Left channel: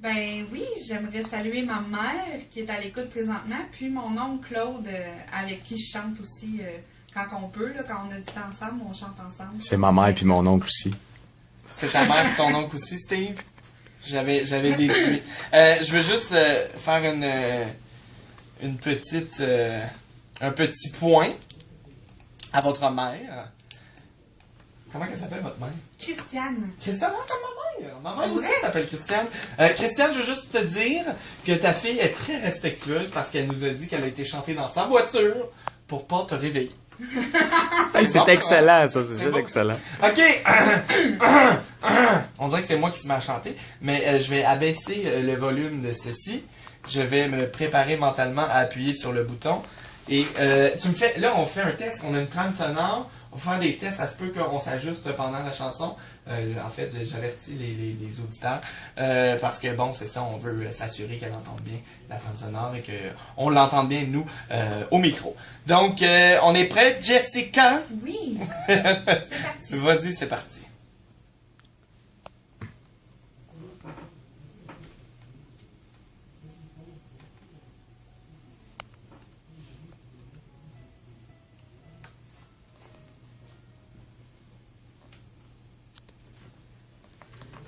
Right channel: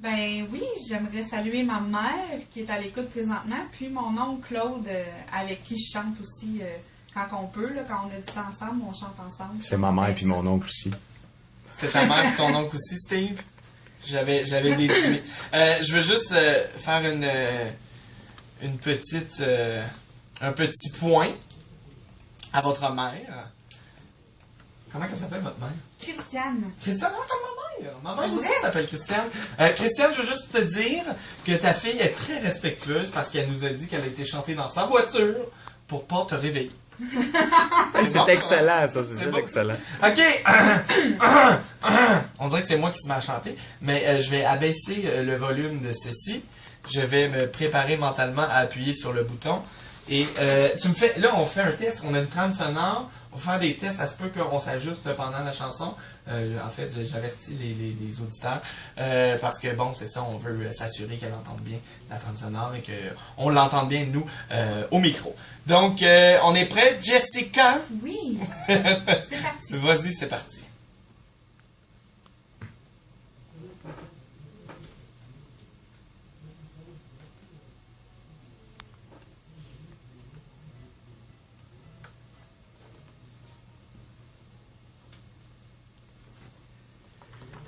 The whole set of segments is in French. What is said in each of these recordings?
Ben oui, j'aimerais saluer ma mère qui est à l'écoute présentement, puis mon oncle Claude avec qui je chante aussi quand on peut, là, quand on a du temps ensemble, on chante ensemble. C'est ma mère puis mon oncle aussi. C'est ta mère et ton oncle aussi, Steve? J'avais déduit. Je veux juste faire une petite un petit point à votre mère. Comment elle s'appelle, votre mère? Christiane. Christiane, comme ma mère. Ma mère aussi s'appelle Christiane. Christiane, je veux juste te dire que ta fille est très respectueuse parce qu'elle nous a dit qu'elle a été chantée dans sa voiture pour pas te réveiller. Hey, c'est excellent, ça. C'est excellent. OK. On dirait que c'est moi qui se mets à chanter, mais je vais abaisser le volume de ceci. Je vais me préparer mentalement à appuyer sur le bouton. Et tu me fais... Là, on fait un test. On a une trame sonore. On va faire des tests. Ça se peut qu'on s'ajuste pendant la chanson. En fait, j'avertis les auditeurs. Parce que, bon, c'est ça. On veut s'assurer qu'elle entende bien la trame sonore et qu'on l'entende bien, nous, au micro. Donc, on est prêt, Jessica? Oui. C'est parti. Vas-y, c'est parti.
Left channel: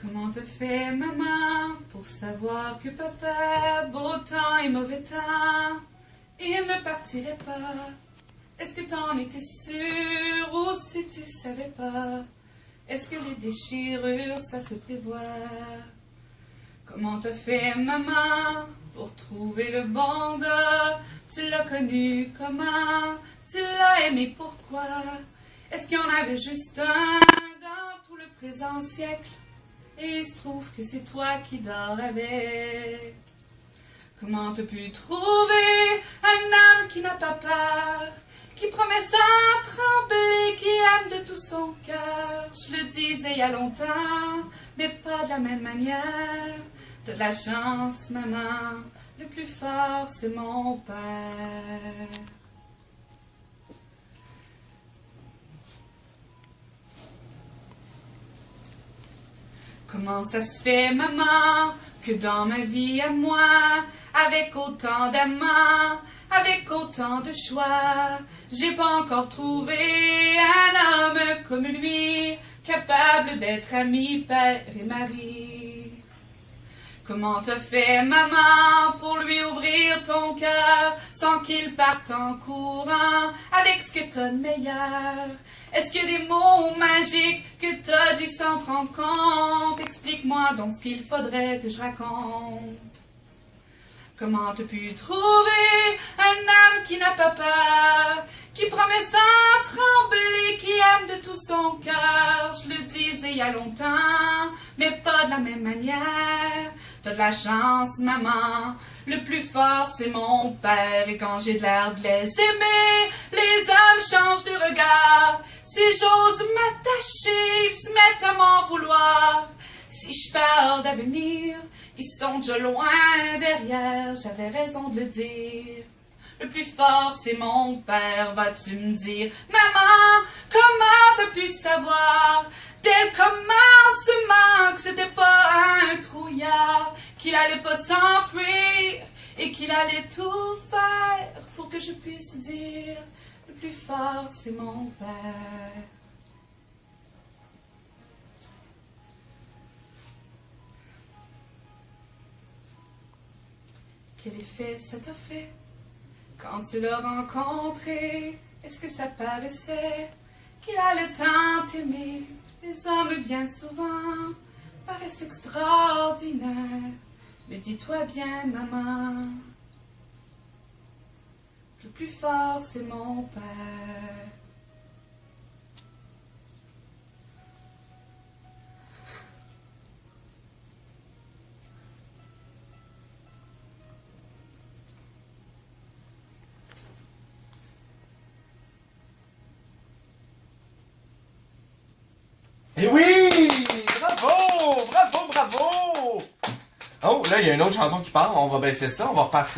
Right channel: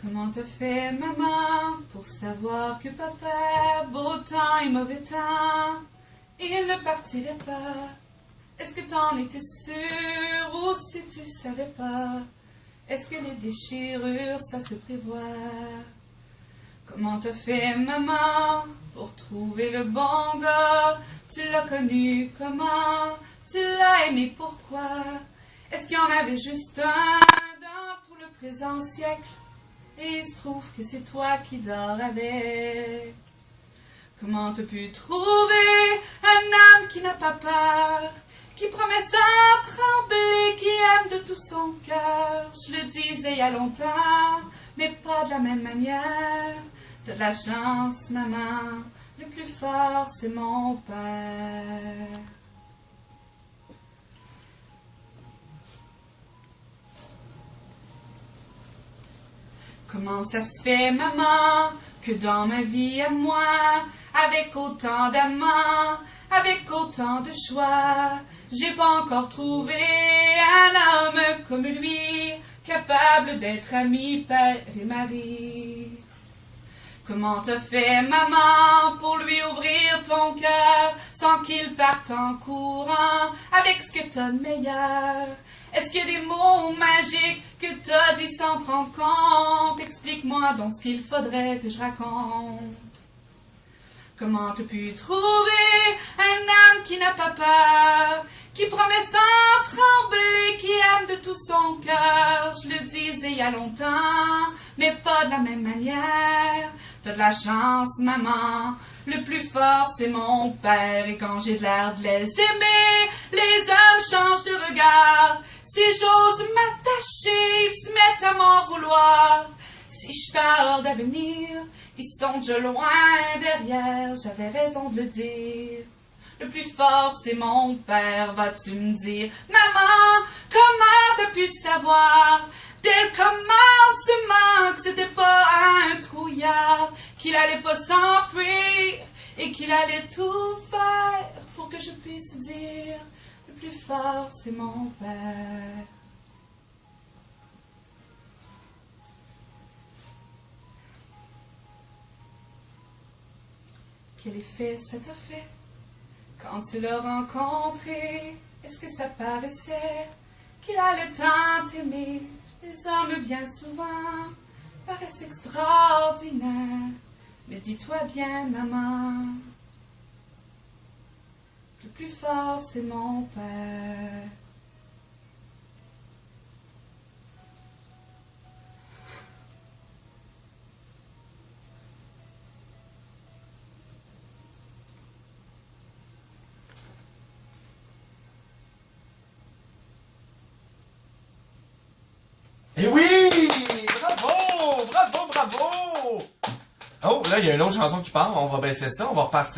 Comment te fait maman pour savoir que papa, beau temps et mauvais temps, il ne partirait pas? Est-ce que t'en étais sûr ou si tu savais pas? Est-ce que les déchirures ça se prévoit? Comment te fait maman pour trouver le bon gars? Tu l'as connu comment? Tu l'as aimé pourquoi? Est-ce qu'il y en avait juste un dans tout le présent siècle? Et il se trouve que c'est toi qui dors avec. Comment t'as pu trouver un âme qui n'a pas peur, qui promet sans trembler, qui aime de tout son cœur? Je le disais il y a longtemps, mais pas de la même manière. T'as de la chance, maman, le plus fort c'est mon père. Comment ça se fait, maman, que dans ma vie à moi, avec autant d'amants, avec autant de choix, j'ai pas encore trouvé un homme comme lui, capable d'être ami, père et mari? Comment te fait, maman, pour lui ouvrir ton cœur, sans qu'il parte en courant, avec ce que t'as de meilleur? Est-ce qu'il y a des mots magiques que t'as dit sans te rendre compte? Explique-moi donc ce qu'il faudrait que je raconte. Comment t'as pu trouver un âme qui n'a pas peur, qui promet sans trembler, qui aime de tout son cœur? Je le disais il y a longtemps, mais pas de la même manière. T'as de la chance, maman, le plus fort c'est mon père. Et quand j'ai de l'air de les aimer, les hommes changent de regard. Si j'ose m'attacher, ils se mettent à m'en vouloir. Si je parle d'avenir, ils sont déjà loin derrière. J'avais raison de le dire. Le plus fort c'est mon père, vas-tu me dire? Maman, comment t'as pu savoir dès le commencement que c'était pas un trouillard, qu'il allait pas s'enfuir et qu'il allait tout faire pour que je puisse dire le plus fort c'est mon père. Quel effet ça t'a fait quand tu l'as rencontré? Est-ce que ça paraissait qu'il allait tant t'aimer? Les hommes bien souvent paraissent extraordinaires, mais dis-toi bien, maman, le plus fort c'est mon père. Et oui! Bravo! Bravo, bravo! Oh, là, il y a une autre chanson qui part. On va baisser ça. On va repartir.